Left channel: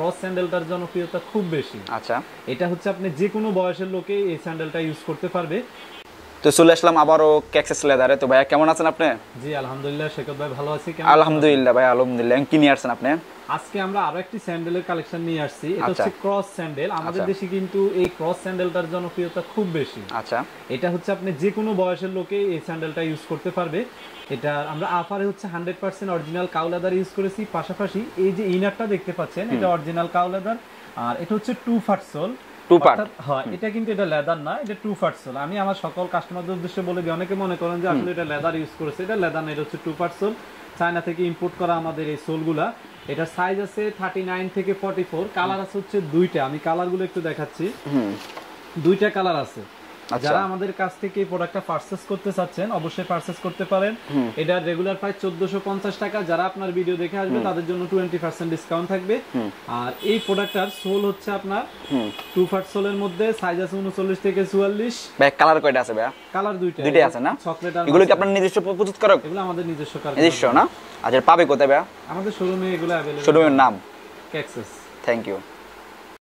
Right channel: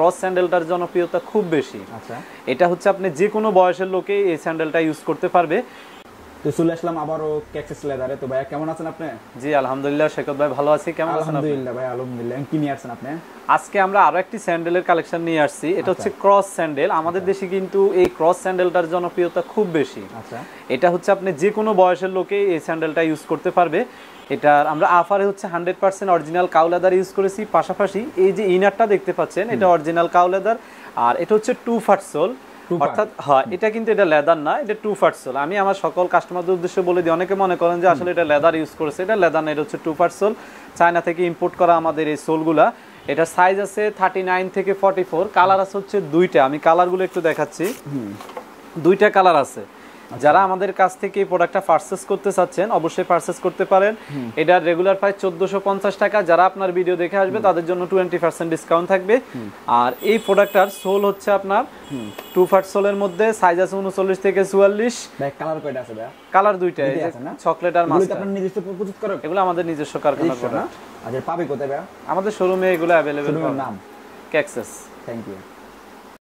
Cross স্যান্ডেলটার জনপ্রিয়তা খুব বেশি। আচ্ছা, এটা হচ্ছে আপনি যে কোনো বয়সের লোকে এই স্যান্ডেলটা ইউজ করতে পারবে। তো চলে আসলাম আবারও ক্যাক্সাস লেদারে। তো ভাইয়া কেমন আছেন আপনি? জি আলহামদুলিল্লাহ, শেখত ভাই ভালো আছি। কেমন? আলহামদুলিল্লাহ ভাই, আলহামদুলিল্লাহ। কি নিয়ে আসছেন আপনি? আজকে আমরা আরো একটি স্যান্ডেলের কালেকশন নিয়ে আসছি। এটা হচ্ছে ক্রস স্যান্ডেল। আমাদের দেশে কিন্তু এই ক্রস স্যান্ডেলটার জনপ্রিয়তা খুব বেশি। আচ্ছা, এটা হচ্ছে আপনি যে কোনো বয়সের লোকে এই স্যান্ডেলটা ইউজ করতে পারবে। এটার আমরা আফারে হচ্ছে 100% অরিজিনাল কাউ লেদার ইউজ করেছি। পাশাপাশি এই যে ইনারটা দেখতে পাচ্ছেন, এটা অরিজিনাল কাউ লেদার, আর এটা হচ্ছে 2 পার্ট সোল। অর্থাৎ হ্যাঁ, এটা কিন্তু এটা লেদার না, এটা 2 পার্ট সোল। আমি আমার সকল কাস্টমারদের উদ্দেশ্যে বলে দিই, অনেকে মনে করেন যে আসলে এটা লেদার ইউজ করেছে। এটা লেদার না, এটা হচ্ছে 2 পার্ট সোল। চায়না থেকে ইম্পোর্ট করা আমাদের এই সোলগুলা। এটার সাইজ আছে 39 থেকে 44। কালার আছে হচ্ছে দুইটা। আমি কালারগুলো একটু দেখাচ্ছি। দুইটা কালার আছে। যারা আমাদের কাছ থেকে এই প্রোডাক্টটা পারচেজ করতে চাচ্ছেন অবশ্যই পারচেজ করতে পারেন। এটা রেগুলার প্রাইস 1450 টাকা। যারা আপনার ভিডিও দেখে আসবে তাদের জন্য 20% ডিসকাউন্ট থাকবে। আর এই প্রোডাক্টটার সোল হচ্ছে আপনার 2 পার্ট সোলের মধ্যে, সাইজ আছে 39 থেকে 44। ভাই কালার কয়টা আছে ভাইয়া? কালার দুইটাই আছে না, চকলেট আর এগুলো কি আপনার নিজস্ব প্রস্তুত করা? এগুলো আমাদের নিজস্ব কারখানা। নিজস্ব না? আচ্ছা, পাবে কোথায় ভাইয়া? আমাদের শোরুমে এগুলো अवेलेबल। শোরুমের নাম? ক্যাক্সাস। Thank you.